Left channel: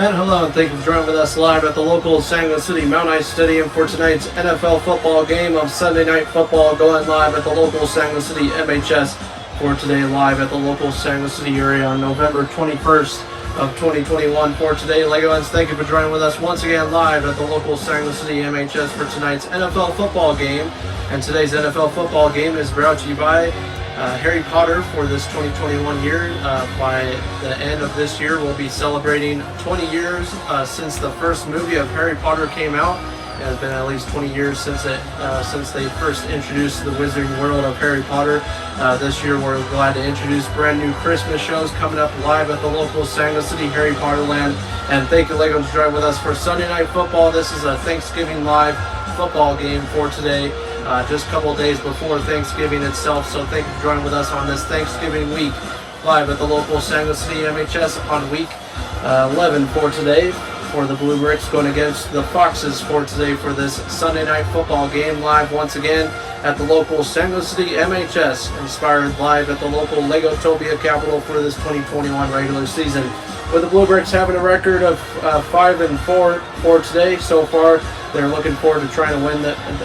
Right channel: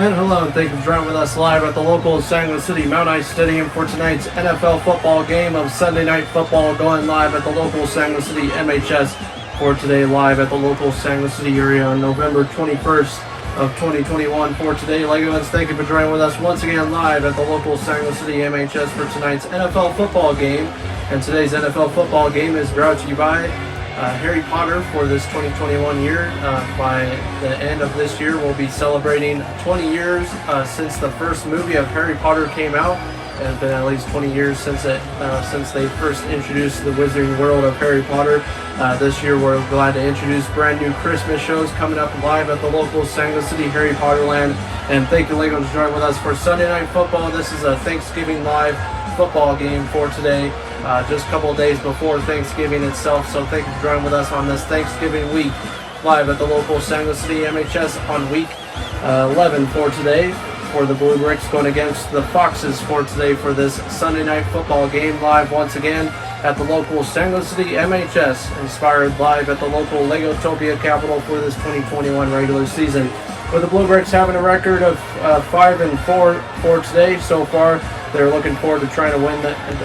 And hello, and thank you for joining with us live at the local San Luis City Mount Ice Stadium for tonight's NFL football game of Sunday Night Football, going live at the local San Luis City MHS for today, live at the local San Luis City area on November 21st of 2021. For today, Legoans, thank you for joining with us once again live at the local San Luis City MHS for tonight's NFL football game. And today's NFL football game is brought to you by Harry Potter for this 2021 year. By the end of this year, we'll be celebrating 20 years since the first movie of Harry Potter came out. It has been at least 20 years since they first introduced the Wizarding World of Harry Potter. This year, we're glad to introduce brand new Christmas shows coming up live at the local San Luis City Harry Potter Land. And thank you, Lego, for joining with us for Sunday Night Football. This is a Thanksgiving live football game for today. Just a couple of days before Thanksgiving itself, so thank you for joining with us on this Thanksgiving week live at the local San Luis City MHS on week 11 for today, for the Bluebricks going against the Foxes for today for this Sunday Night Football game, live once again at the local San Luis City MHS, inspired live at the local Legotopia capital for this 2021 regular season. With the Bluebricks having a record of 5-4 for today so far, they're looking forward to trying to win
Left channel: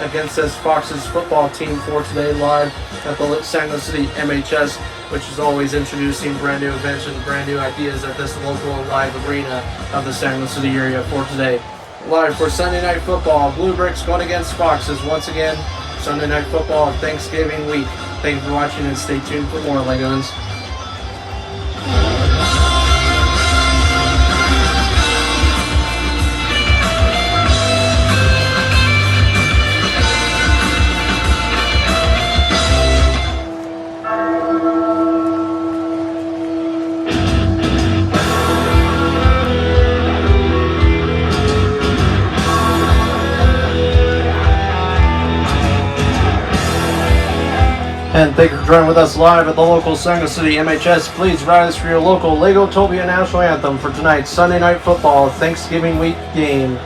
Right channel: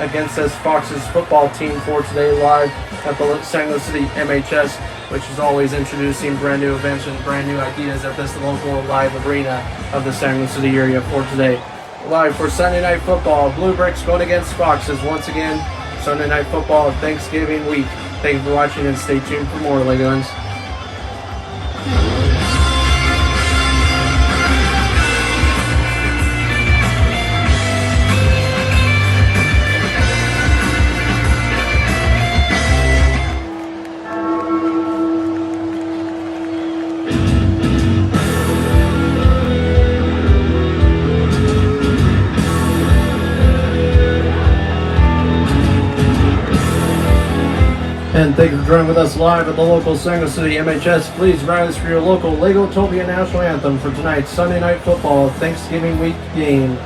against this Foxes football team for today, live at the San Luis City MHS, which is always introducing brand new events and brand new ideas at this local live arena of the San Luis City area for today. Live for Sunday Night Football, Bluebricks going against Foxes once again. Sunday Night Football Thanksgiving week. Thank you for watching and stay tuned for more, Legos. And thank you for joining with us live at the local San Luis City MHS. Please rise for your local Legotopia National Anthem for tonight's Sunday Night Football Thanksgiving week game.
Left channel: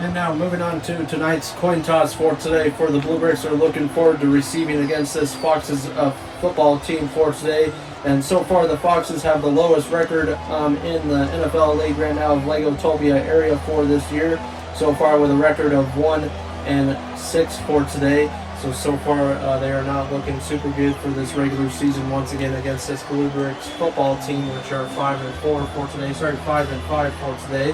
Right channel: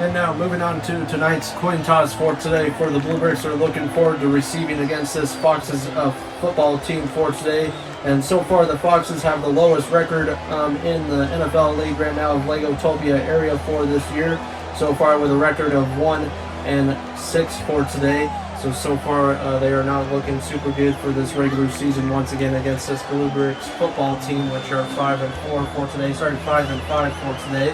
And now moving on to tonight's coin toss for today. For the Bluebricks are looking forward to receiving against this Foxes football team for today. And so far, the Foxes have the lowest record in the NFL League right now of Legotopia area for this year. So far, with a record of 1-6 for today. So far, they are not looking super good for this regular season once again against this Bluebricks football team, which are 5-4 for today. Sorry, 5-5 for today.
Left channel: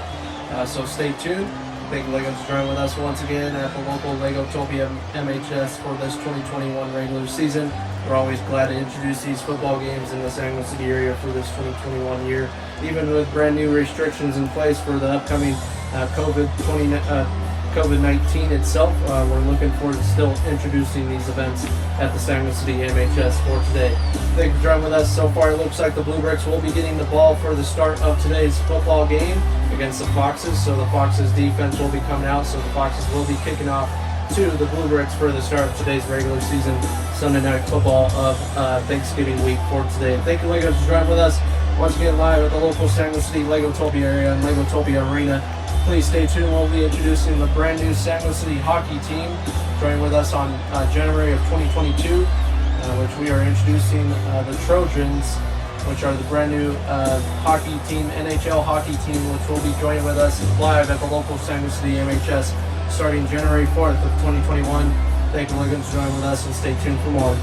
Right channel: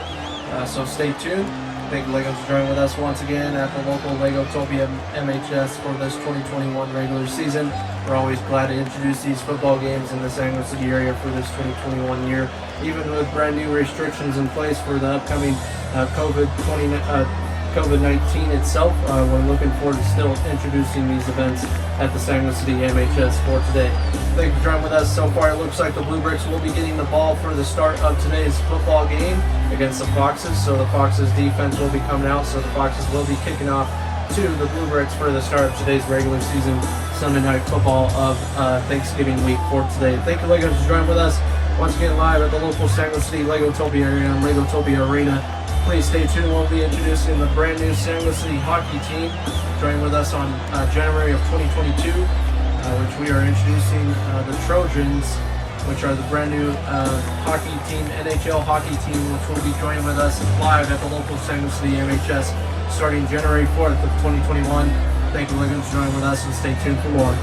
So stay tuned. Thank you, Legos, for joining with us once again at the local Legotopia MHS for this 2021 regular season. We're always glad to introduce these football games in the San Luis City area for this 2021 year, even with brand new restrictions in place for the upcoming COVID-19 itself. We're looking forward to still introducing these events at the San Luis City MHS for today. Thank you for joining with us. So far, it looks like the Bluebricks will be getting the ball for the start of today's football game against the Foxes. So the Foxes defense will be coming out. So the Foxes will be kicking off to the Bluebricks for the start of today's regular season Sunday night football of Thanksgiving week for today. Thank you, Legos, for joining with us once again live at the local San Luis City Legotopia area and Legotopia Arena. Please stay tuned. We'll be introducing the brand new San Luis City hockey team joining with us on January of 2022, which we are introducing the Trojans, which are the brand new hockey team, NHL hockey team, which will be joining with us live at the local San Luis City MHS starting January 4th of 2021. Thank you, Legos, for joining with us, and stay tuned for more.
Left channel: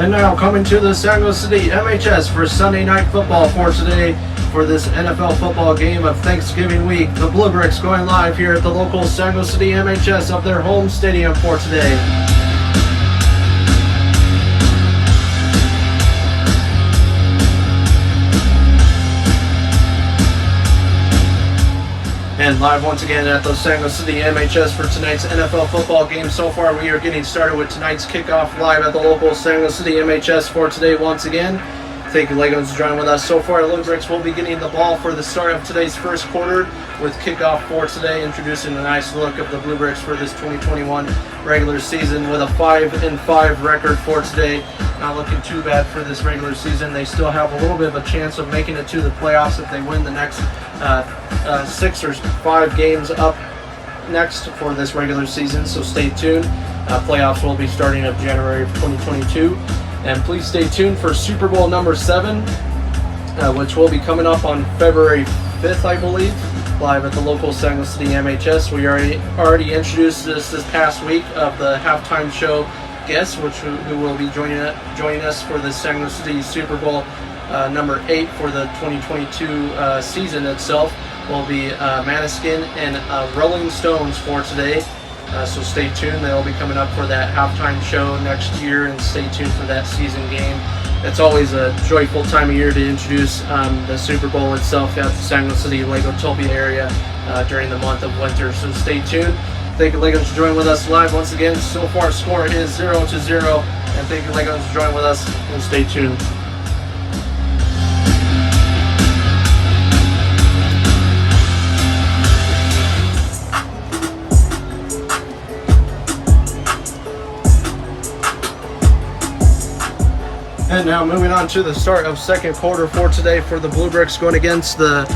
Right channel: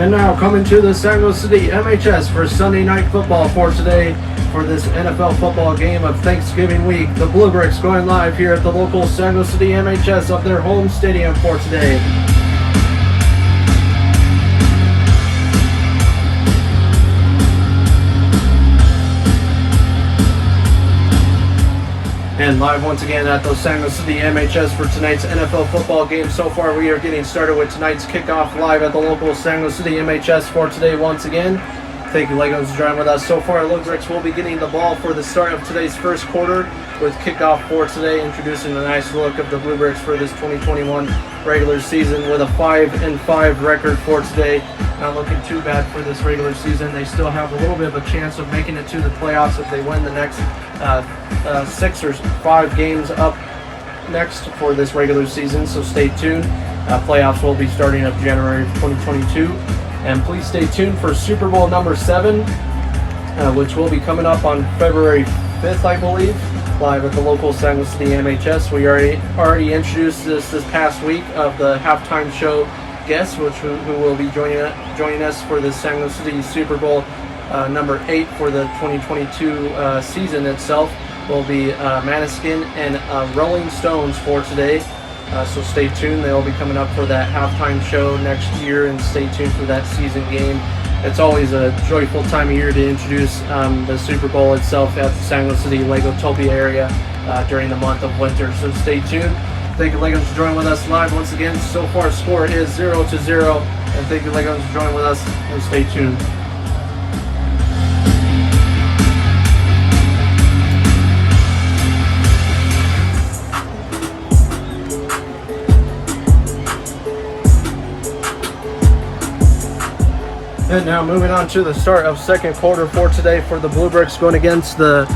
And now coming to the San Luis City MHS for Sunday night football for today for this NFL football game of Thanksgiving week. The Bluebricks going live here at the local San Luis City MHS of their home stadium for today. And live once again at the San Luis City MHS for tonight's NFL football game. So far, we are getting started with tonight's kickoff live at the local San Luis City MHS for today once again. Thank you, Legos, for joining with us. So far, it looks like we'll be getting the ball for the start of today's first quarter with kickoff for today, introducing the nice look of the Bluebricks for this 2021 regular season with a 5-5 record for today. Not looking too bad for this regular season. They still have a little bit of a chance of making it to the playoffs if they win the next 6 or 5 games up next for this regular season. So stay tuned. Playoffs will be starting up January 2022. And please stay tuned for Super Bowl number 7, which will be coming up on February 5th, I believe, live at the local San Luis City MHS. We already introduced this past week of the halftime show guests, who will be joining us for the San Luis City Super Bowl number 8 for the 2022 season itself. Will be Maniskin and Rolling Stones for today. So stay tuned. They'll be coming up for that halftime show next year, and stay tuned for that season game. It's always a joyful time of year to introduce the Super Bowl itself at the San Luis City Legotopia area during the month of winter. So stay tuned. Thank you, Legos, for joining with us live once again. So far, score is 0-0. And thank you, Legos, for joining with us, and stay tuned. And now moving on to the start of second quarter for today for the Bluebricks going against the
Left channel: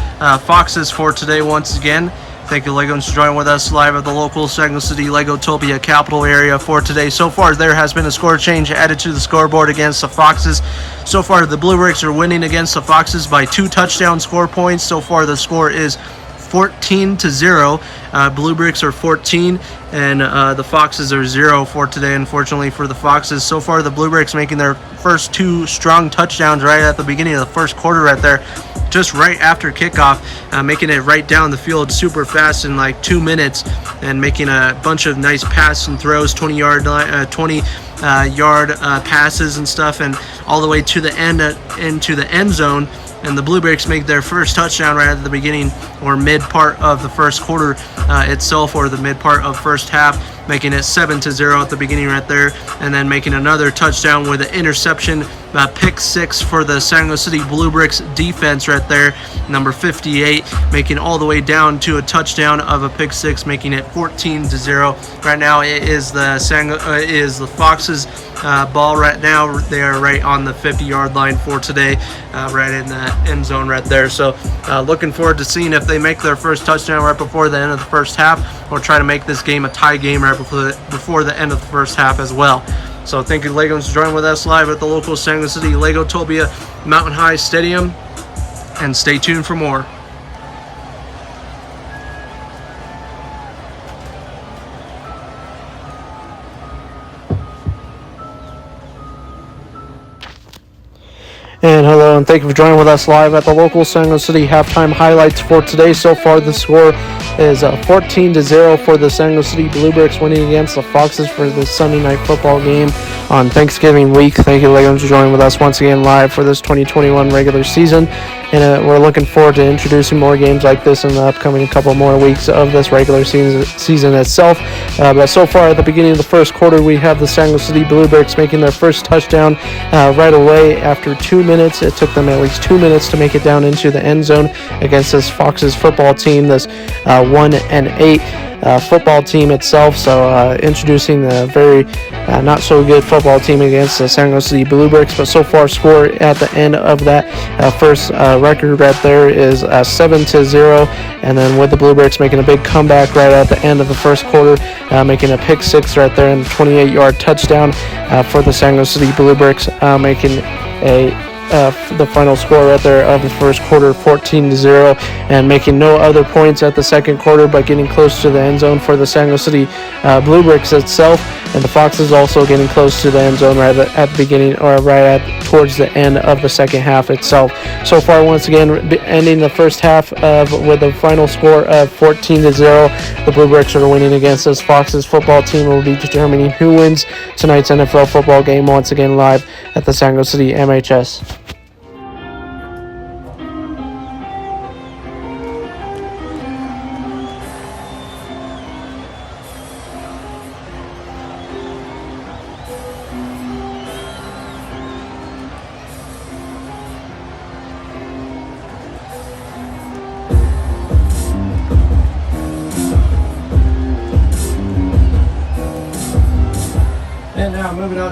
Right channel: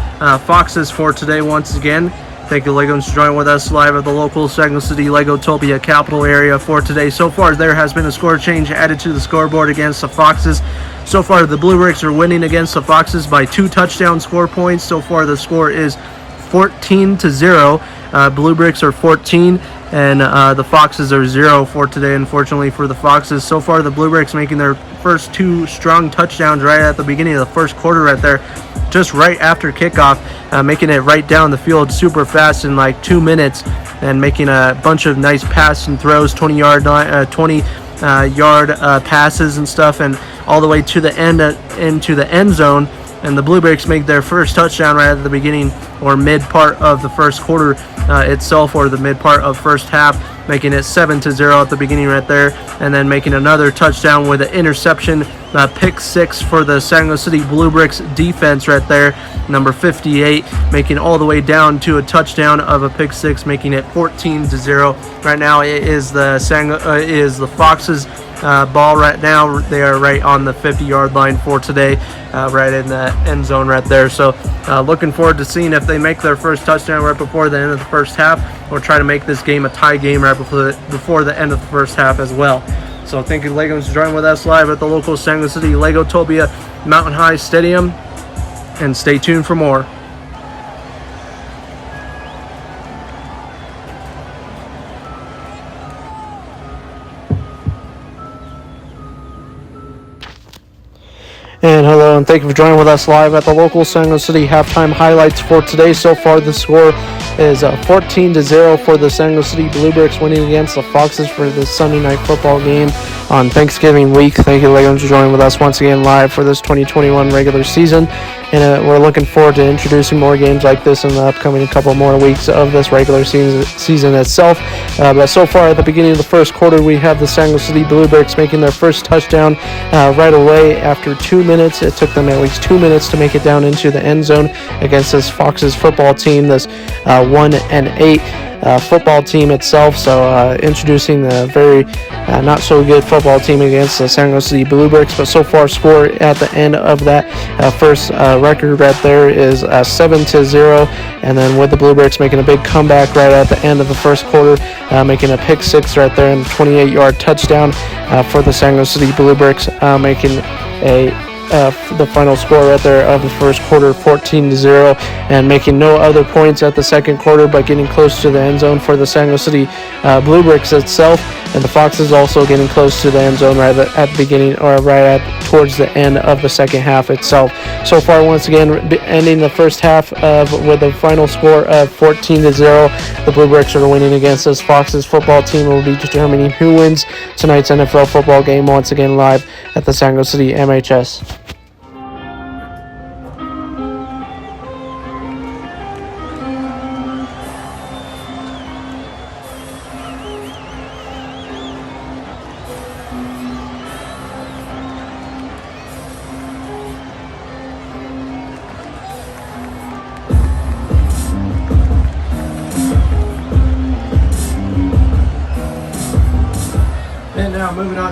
Foxes for today once again. Thank you, Legos, for joining with us live at the local San Luis City Legotopia capital area for today. So far, there has been a score change added to the scoreboard against the Foxes. So far, the Bluebricks are winning against the Foxes by 2 touchdown score points. So far, the score is 14-0. Bluebricks are 14, and the Foxes are 0 for today, unfortunately, for the Foxes. So far, the Bluebricks making their first 2 strong touchdowns right at the beginning of the first quarter right there, just right after kickoff, making it right down the field super fast in like 2 minutes, and making a bunch of nice passes and throws, 20-yard passes and stuff, and all the way to the end into the end zone. and the Bluebricks make their first touchdown right at the beginning or mid part of the first quarter itself, or the mid part of first half, making it 7-0 at the beginning right there, and then making another touchdown with an interception, pick six for the San Luis City Bluebricks defense right there, number 58, making all the way down to a touchdown of a pick six, making it 14-0. Right now it is the Foxes ball right now. They are right on the 50-yard line for today, right in the end zone right there. So looking forward to seeing if they make their first touchdown right before the end of the first half, or try to make this game a tie game right before the end of the first half as well. So thank you, Legos, for joining with us live at the local San Luis City Legotopia Mountain High Stadium, and stay tuned for more. And hello, and thank you for joining with us live at the local San Luis City halftime highlights for today. So far, the score is 14-0 for the San Luis City Bluebricks, winning against the Foxes for this Sunday night football game on Thanksgiving week. Thank you, Legos, for joining with us once again live for this 2021 regular season. And we're looking forward to introducing more games like this in the upcoming couple more weeks of this regular season itself. But so far, at the beginning of the first quarter, we have the San Luis City Bluebricks making their first touchdown right away after 2 minutes. It took them at least 2 minutes to make it down into the end zone against this Foxes football team, this 1-8 football team itself. So introducing the very not so good football team against the San Luis City Bluebricks. But so far, score at the end of that first record right there is 7-0, and then with the Bluebricks making a big comeback right at the end of the first quarter, making a pick six right there and a 28-yard touchdown for the San Luis City Bluebricks, making the final score right there of the first quarter 14-0, and making no other points at the second quarter, but getting close to the end zone for the San Luis City Bluebricks itself, and the Foxes also getting close to the end zone right at the beginning, or towards the end of the second half itself. So far, once again, ending the first half with a final score of 14-0. The Bluebricks are winning against this Foxes football team. Will be determining who wins tonight's NFL football game once again live at the San Luis City MHS.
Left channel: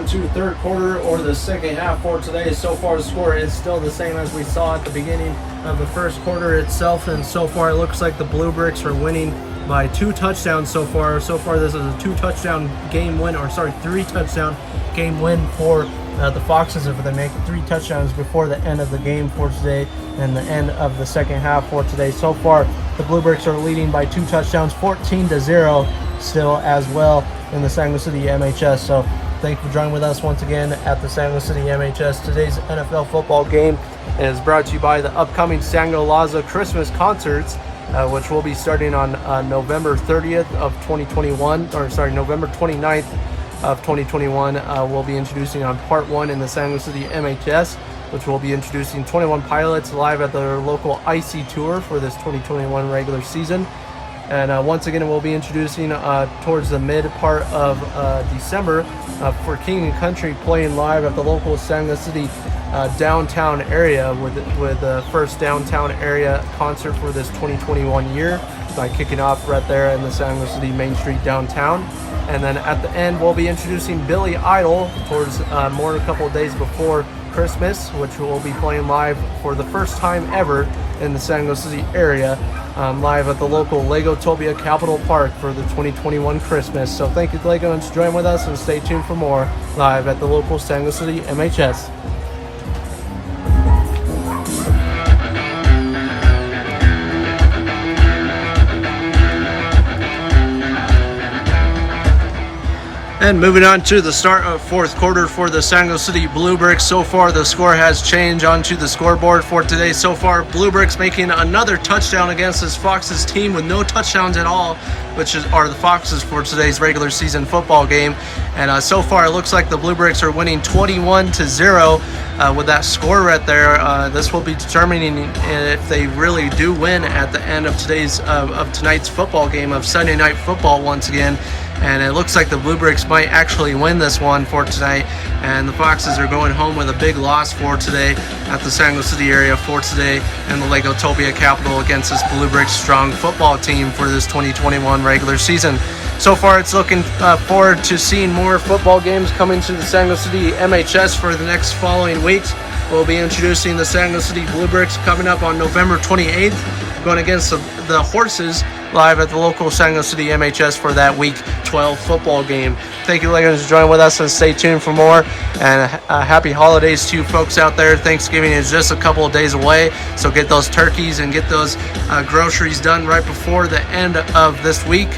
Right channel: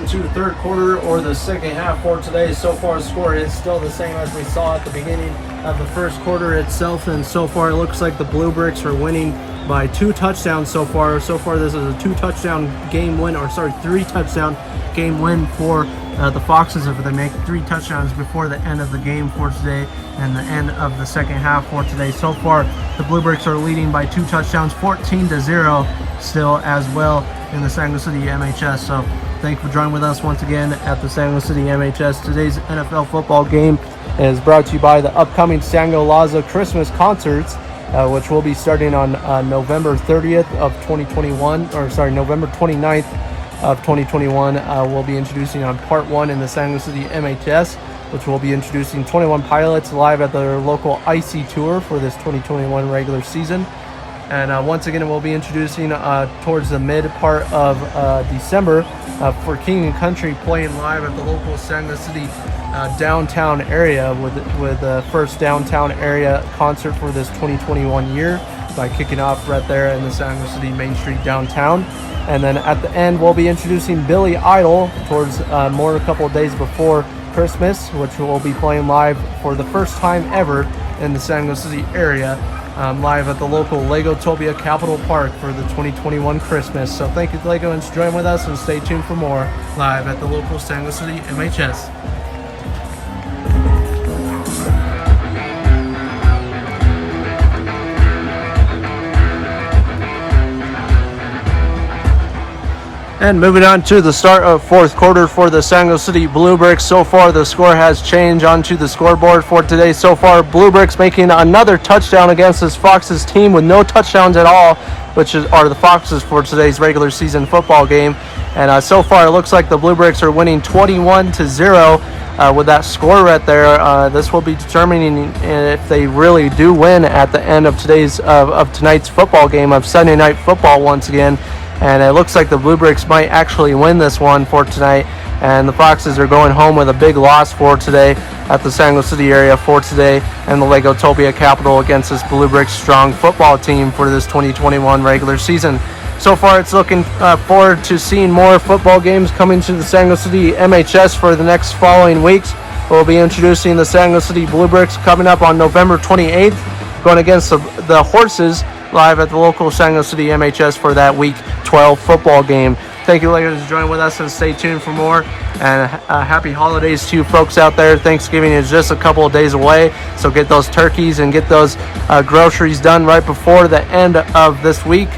To third quarter, or the second half for today. So far, the score is still the same as we saw at the beginning of the first quarter itself, and so far it looks like the Bluebricks are winning by 2 touchdowns so far. So far, this is a 3-touchdown game win for the Foxes if they make 3 touchdowns before the end of the game for today and the end of the second half for today. So far, the Bluebricks are leading by 2 touchdowns, 14-0 still as well in the San Luis City MHS. So thank you for joining with us once again at the San Luis City MHS. Today's NFL football game is brought to you by the upcoming Sango Laza Christmas concerts, which will be starting on November 30th of 2021, November 29th of 2021. We'll be introducing on part 1 in the San Luis City MHS, which will be introducing 21 pilots live at their local IC tour for this 2021 regular season. And once again, we'll be introducing towards the mid part of December for King and Country playing live at the local San Luis City downtown area with the first downtown area concert for this 2021 year by kicking off right there in the San Luis City Main Street downtown. And then at the end, we'll be introducing Billy Idol towards a couple of days before Christmas, which will be playing live for the first time ever in the San Luis City area, live at the local Legotopia Capitol Park for the 2021 Christmas. So thank you, Lego, and join with us and stay tuned for more live at the local San Luis City MHS. And moving on to the start of fourth quarter for the San Luis City Bluebricks. So far, the score has changed onto the scoreboard for today. So far, Bluebricks making another touchdown against this Foxes team with no touchdowns at all which are the Foxes for today's regular season football game. And so far, it looks like the Bluebricks are winning 21-0 with that score right there. This will be determining if they really do win at the end of tonight's football game of Sunday Night Football once again. And it looks like the Bluebricks might actually win this one for tonight. And the Foxes are going home with a big loss for today at the San Luis City area for today and the Legotopia Capital against this Bluebricks strong football team for this 2021 regular season. So far, it's looking forward to seeing more football games coming to the San Luis City MHS for the next following weeks. We'll be introducing the San Luis City Bluebricks coming up on November 28th, going against the Horses live at the local San Luis City MHS for that Week 12 football game. Thank you, ladies, for joining with us, and stay tuned for more. And happy holidays to you folks out there. Thanksgiving is just a couple of days away, so get those turkeys and get those groceries done right before the end of this week,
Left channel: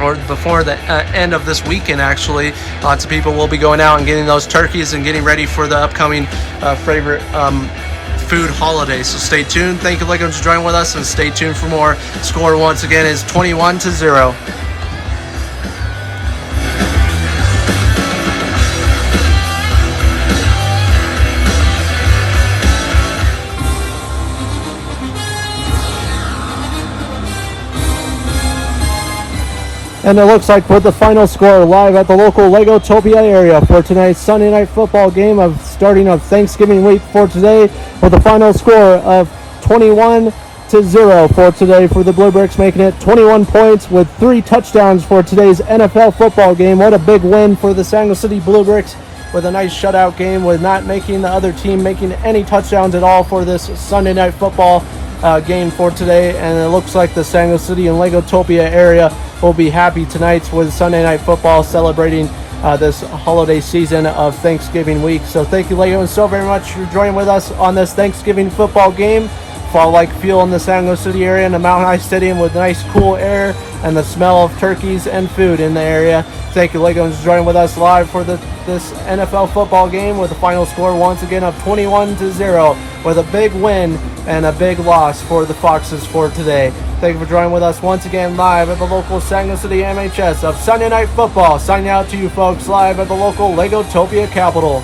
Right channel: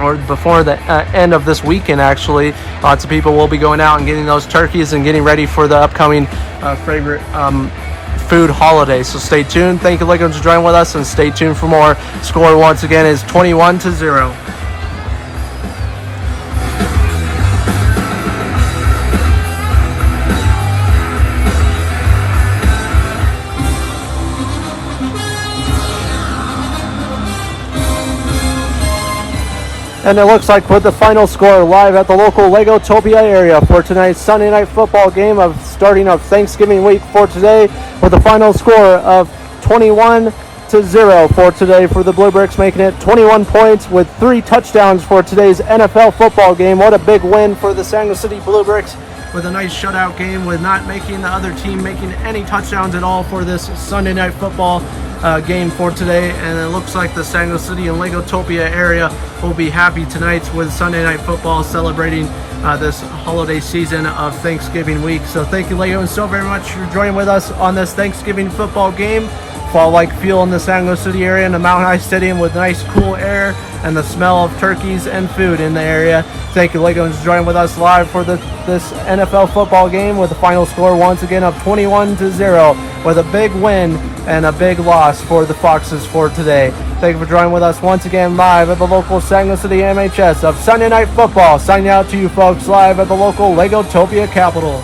or before the end of this weekend, actually. Lots of people will be going out and getting those turkeys and getting ready for the upcoming favorite food holiday. So stay tuned. Thank you, Legos, for joining with us, and stay tuned for more. Score once again is 21-0. And it looks like with the final score live at the local Legotopia area for tonight's Sunday Night Football game of starting of Thanksgiving week for today, with the final score of 21-0 for today for the Bluebricks, making it 21 points with 3 touchdowns for today's NFL football game. What a big win for the San Luis City Bluebricks, with a nice shutout game, with not making the other team making any touchdowns at all for this Sunday Night Football game for today. And it looks like the San Luis City and Legotopia area will be happy tonight with Sunday Night Football celebrating this holiday season of Thanksgiving week. So thank you, Legos, so very much for joining with us on this Thanksgiving football game. Fall-like feel in the San Luis City area in the Mount High Stadium, with nice cool air and the smell of turkeys and food in the area. Thank you, Legos, for joining with us live for this NFL football game, with the final score once again of 21-0, with a big win and a big loss for the Foxes for today. Thank you for joining with us once again live at the local San Luis City MHS of Sunday Night Football. Signing out to you folks live at the local Legotopia Capital.